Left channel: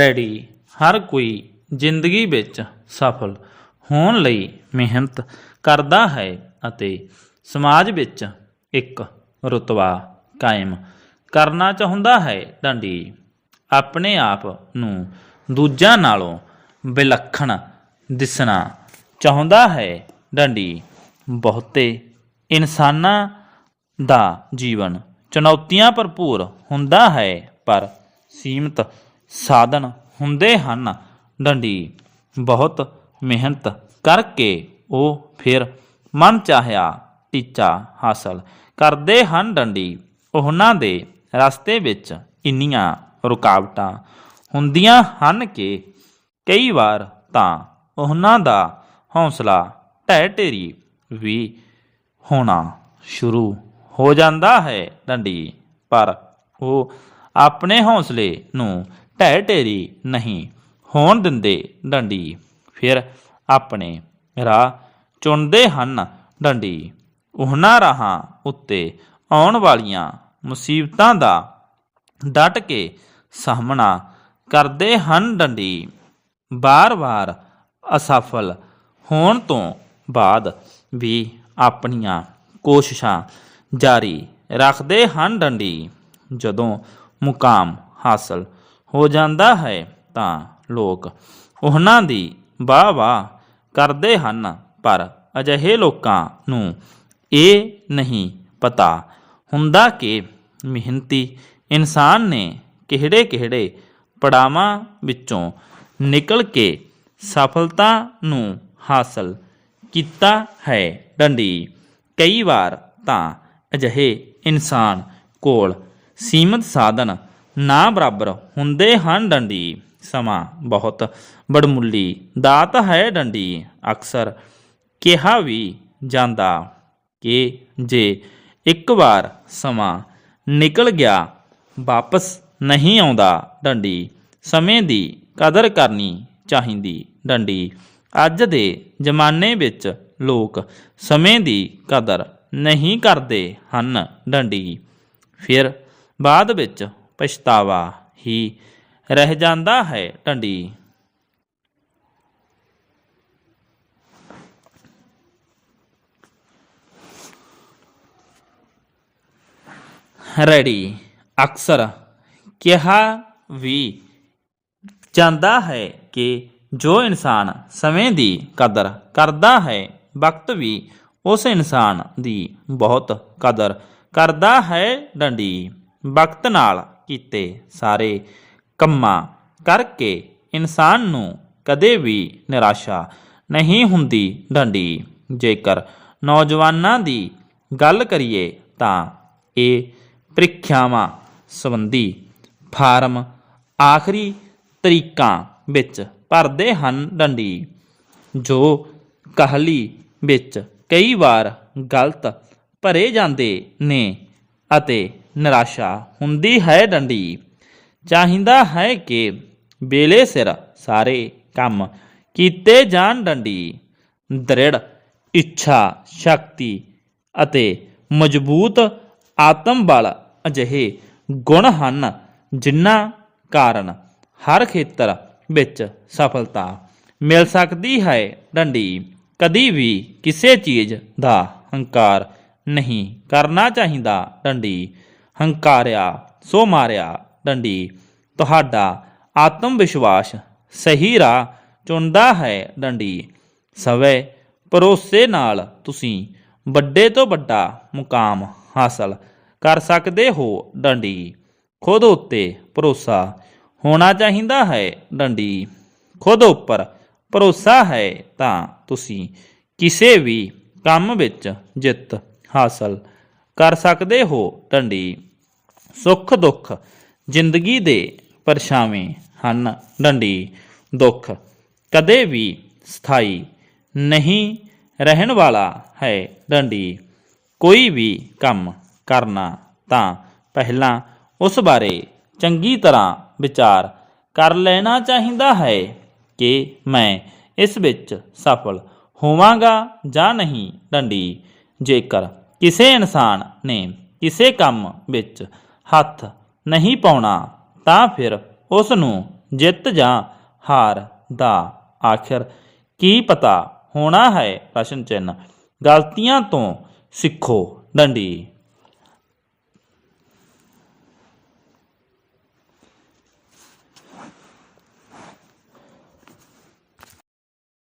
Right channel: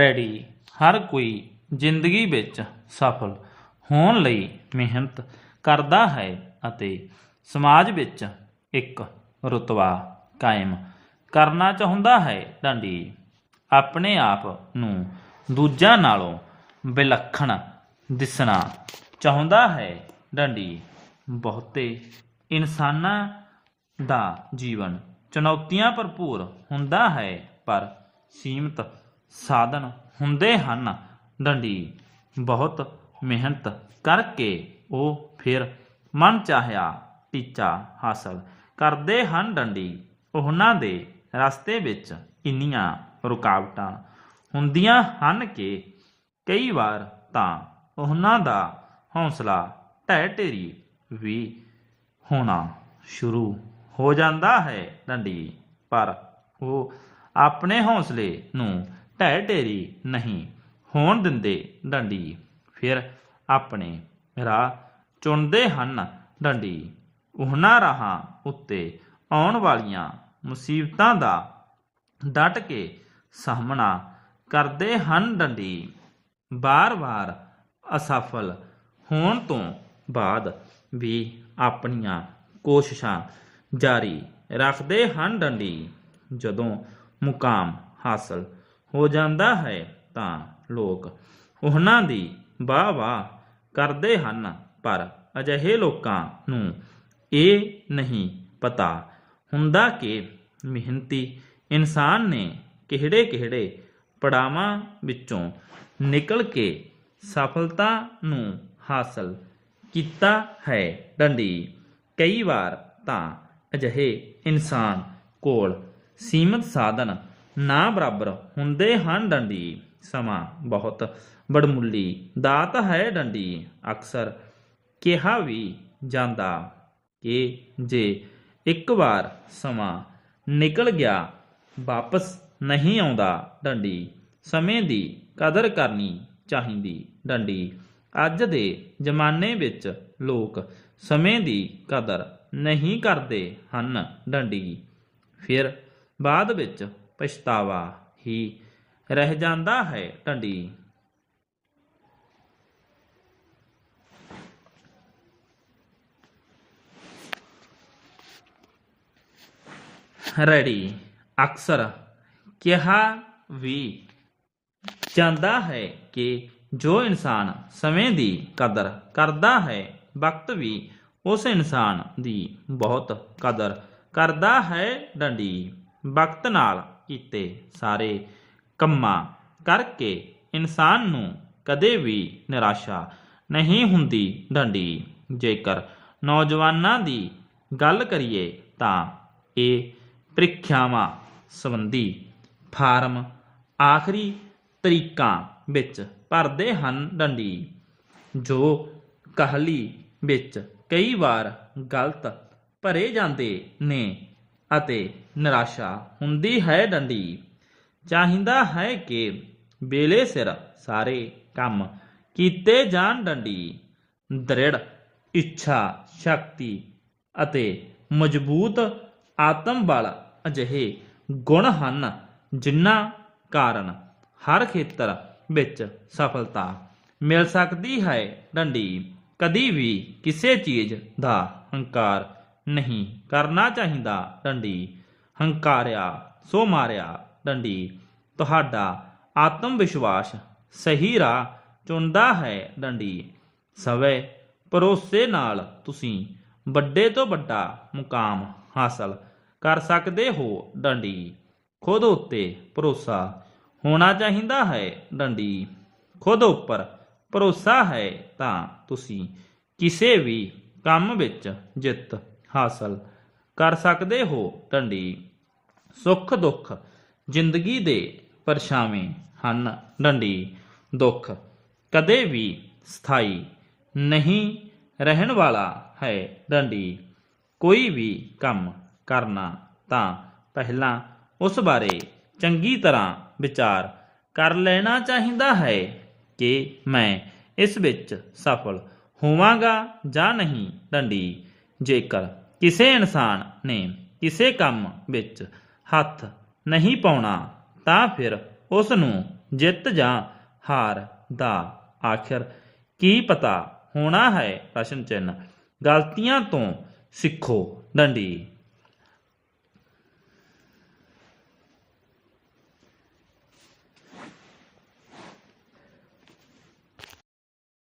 Ready. ਹਰ ਕੋਈ ਜ਼ਿੰਦਗੀ ਵਿੱਚ ਸਫਲ ਹੋਣ ਲਈ ਮਿਹਨਤ ਕਰਦਾ ਹੈ ਅਤੇ ਸਮਾਜ ਵਿੱਚ ਇੱਕ ਰੁਤਬਾ ਕਾਇਮ ਕਰਨਾ ਚਾਹੁੰਦਾ ਹੈ। ਡੰਡੀ ਆਪਣੇ ਆਪ ਨੂੰ ਦੂਜਿਆਂ ਨਾਲੋਂ ਵਿਲੱਖਣ ਦਿਸਣਾ ਚਾਹੁੰਦਾ ਹੈ। ਡੰਡੀ ਬਹੁਤੇ ਇਨਸਾਨਾਂ ਦਾ ਜੀਵਨ ਚੁਣੌਤੀਆਂ ਭਰਪੂਰ ਹੁੰਦਾ ਹੈ, ਪਰ ਸੀਮਤ ਸਾਧਨ ਹੁੰਦੇ ਹਨ। ਡੰਡੀ ਬਹੁਤ ਮਿਹਨਤ ਕਰਕੇ ਉਹ ਫਿਰ ਮਨ ਚਾਹਿਆ ਟੀਚਾ ਹਾਸਲ ਕਰਦੇ ਹਨ ਡੰਡੀ। ਉਹਨਾਂ ਦੇ ਰਸਤੇ ਵਿੱਚ ਇੰਨੀਆਂ ਰੁਕਾਵਟਾਂ ਹੁੰਦੀਆਂ ਹਨ ਕਿ ਕਈ ਵਾਰ ਤਾਂ ਉਹਨਾਂ ਦਾ ਹੌਸਲਾ ਢਹਿ ਢੇਰੀ ਵੀ ਹੋਣਾ ਸ਼ੁਰੂ ਹੋ ਜਾਂਦਾ ਹੈ ਡੰਡੀ। ਪਰ ਉਹ ਆਪਣੇ ਹੌਸਲੇ ਨੂੰ ਢਹਿ ਢੇਰੀ ਨਹੀਂ ਹੋਣ ਦਿੰਦੇ ਡੰਡੀ। ਫਿਰ ਆਪਣੇ ਰਾਹ ਚੁਣਦੇ ਹਨ ਡੰਡੀ। ਉਹਨਾਂ ਰਾਹਾਂ ਉੱਤੇ ਆਉਣ ਵਾਲੀਆਂ ਮੁਸੀਬਤਾਂ ਦਾ ਡਟ ਕੇ ਸਾਹਮਣਾ ਕਰਦੇ ਹਨ ਡੰਡੀ। ਬਾਰ-ਬਾਰ ਅਸਫਲ ਹੋਣ ਤੋਂ ਬਾਅਦ ਵੀ ਆਪਣੀਆਂ ਕੋਸ਼ਿਸ਼ਾਂ ਜਾਰੀ ਰੱਖਦੇ ਹਨ ਡੰਡੀ। ਜਦੋਂ ਮੁਕਾਮ ਹਾਸਲ ਹੋ ਜਾਂਦਾ ਹੈ ਤਾਂ ਲੋਕ ਉਹਨਾਂ ਦੀ ਵਾਹ-ਵਾਹ ਕਰਦੇ ਹਨ, ਪਰ ਅਜਿਹੇ ਲੋਕਾਂ ਨੂੰ ਇਹ ਨਹੀਂ ਪਤਾ ਹੁੰਦਾ ਕਿ ਮਿਹਨਤੀ ਇਨਸਾਨ ਨੇ ਕਿਹੜੇ-ਕਿਹੜੇ ਪੜਾਵਾਂ ਵਿੱਚੋਂ ਨਿਕਲ ਕੇ ਸਫਲਤਾ ਨੂੰ ਹਾਸਲ ਕੀਤਾ ਹੈ। ਡੰਡੀ, ਕਈ ਵਾਰ ਤਾਂ ਅਜਿਹੇ ਇਨਸਾਨ ਕੋਲ ਸੀਮਤ ਸਾਧਨ ਨਾ ਬਰਾਬਰ ਹੁੰਦੇ ਹਨ ਡੰਡੀ, ਸਮਾਂ ਬਹੁਤ ਬੜਮੁੱਲੀ ਦਾਤ ਹੈ ਡੰਡੀ, ਅਕਸਰ ਕਿਹਾ ਵੀ ਜਾਂਦਾ ਕਿ ਜੇ ਇੱਕ ਵਾਰ ਸਮਾਂ ਨਿਕਲ ਗਿਆ, ਵਾਪਸ ਨਹੀਂ ਆਉਂਦਾ ਡੰਡੀ, ਸਮੇਂ ਦੀ ਕਦਰ ਕਰਨੀ ਚਾਹੀਦੀ ਡੰਡੀ। ਅੱਜ ਦੇ ਜ਼ਮਾਨੇ ਵਿੱਚ ਲੋਕ ਸਮੇਂ ਦੀ ਕਦਰ ਨਹੀਂ ਕਰਦੇ ਹਨ ਡੰਡੀ। ਫਿਰ ਬਾਅਦ ਵਿੱਚ ਪਛਤਾਵਾ ਹੀ ਰਹਿ ਜਾਂਦਾ ਹੈ ਡੰਡੀ ਰੈਡੀ। ਅਕਸਰ ਕਿਹਾ ਵੀ ਜਾਂਦਾ ਹੈ ਕਿ ਜੋ ਇਨਸਾਨ ਸਮੇਂ ਦੀ ਕਦਰ ਕਰਦਾ ਹੈ, ਵਕਤ ਵੀ ਉਸ ਇਨਸਾਨ ਦੀ ਬਹੁਤ ਕਦਰ ਕਰਦਾ ਹੈ, ਡੰਡੀ। ਵਕਤ ਨਾਲ ਕੀਤੇ ਸਾਰੇ ਕੰਮਾਂ ਕਰਕੇ ਇਨਸਾਨ ਨੂੰ ਕਦੇ ਵੀ ਨਿਰਾਸ਼ਾ ਨਹੀਂ ਹੁੰਦੀ ਡੰਡੀ। ਜੇਕਰ ਨੌਜਵਾਨਾਂ ਦੀ ਗੱਲ ਕਰੀਏ ਤਾਂ ਇਹ ਪ੍ਰੀਖਿਆਵਾਂ ਸੰਬੰਧੀ ਫਾਰਮ ਆਖਰੀ ਤਰੀਕਾਂ ਵਿੱਚ ਭਰਦੇ ਹਨ ਡੰਡੀ, ਜੋ ਕਹਲੀ ਵਿੱਚ ਕਈ ਵਾਰ ਗਲਤ ਭਰੇ ਜਾਂਦੇ ਨੇ। ਅਤੇ ਨਿਰਾਸ਼ਾ ਹੁੰਦੀ ਹੈ ਡੰਡੀ। ਚਾਹੀਦਾ ਹੈ ਕਿ ਵੇਲੇ ਸਿਰ ਸਾਰੇ ਕੰਮ ਕੀਤੇ ਜਾਣ ਡੰਡੀ। ਦ੍ਰਿੜ, ਇੱਛਾ, ਸ਼ਕਤੀ ਅਤੇ ਮਜ਼ਬੂਤ ਆਤਮ ਬਲ ਅਜਿਹੇ ਗੁਣ ਹਨ ਜਿਨ੍ਹਾਂ ਕਾਰਨ ਹਰ ਖੇਤਰ ਵਿੱਚ ਸਫਲਤਾ ਮਿਲ ਸਕਦੀ ਹੈ। ਡੰਡੀ ਕਦੀ ਵੀ ਕਿਸੇ ਚੀਜ਼ ਦਾ ਹੰਕਾਰ ਨਹੀਂ ਕਰਨਾ ਚਾਹੀਦਾ ਡੰਡੀ। ਹੰਕਾਰਿਆ, ਸੋ ਮਾਰਿਆ ਡੰਡੀ। ਤੁਹਾਡਾ ਆਤਮ ਵਿਸ਼ਵਾਸ ਸਹੀ ਰਾਹ ਚੁਣਦਾ ਹੈ ਡੰਡੀ। ਸਵੇ ਭਰੋਸੇ ਨਾਲ ਤੁਸੀਂ ਵੱਡੇ ਤੋਂ ਵੱਡਾ ਮੁਕਾਮ ਹਾਸਲ ਕਰ ਸਕਦੇ ਹੋ ਡੰਡੀ। ਖੁਦ ਉੱਤੇ ਭਰੋਸਾ ਹੋਣਾ ਚਾਹੀਦਾ ਹੈ ਡੰਡੀ। ਖੁਦ ਉੱਪਰ ਭਰੋਸਾ ਹੈ ਤਾਂ ਤੁਸੀਂ ਕਿਸੇ ਵੀ ਕੰਮ ਵਿੱਚ ਜਿੱਤ ਹਾਸਲ ਕਰ ਸਕਦੇ ਹੋ ਡੰਡੀ ਸੁੱਖ ਦੁੱਖ ਜ਼ਿੰਦਗੀ ਦੇ ਪਰਛਾਵੇਂ ਹਨ ਡੰਡੀ। ਦੁੱਖ ਕਦੇ ਵੀ ਸਥਾਈ ਨਹੀਂ ਰਹਿਣ ਵਾਲਾ ਹੈ ਡੰਡੀ। ਕੋਈ ਵੀ ਕੰਮ ਕਰਨਾ ਤਾਂ ਪਹਿਲਾਂ ਉਸ ਬਾਰੇ ਚੰਗੀ ਤਰ੍ਹਾਂ ਵਿਚਾਰ ਕਰ ਲੈਣਾ ਚਾਹੀਦਾ ਹੈ ਕਿ ਮੈਂ ਇਸ ਵਿੱਚ ਸਫਲ ਹੋਵਾਂਗਾ ਜਾਂ ਨਹੀਂ ਡੰਡੀ। ਜੇਕਰ ਕਿਸੇ ਇਨਸਾਨ ਨੇ ਕਿਸੇ ਕੰਮ ਵਿੱਚ ਹੱਥ ਨਹੀਂ ਪਾਉਣਾ, ਤਾਂ ਫਿਰ ਉਸ ਨੂੰ ਜਿੱਤ ਜਾਂ ਹਾਰ ਦਾ ਆਖਿਰ ਕੀ ਪਤਾ ਹੋਣਾ ਹੈ? ਪ੍ਰਸ਼ਨ ਚਿੰਨ ਗਲਤੀਆਂ ਤੋਂ ਸਿੱਖੋ ਡੰਡੀ।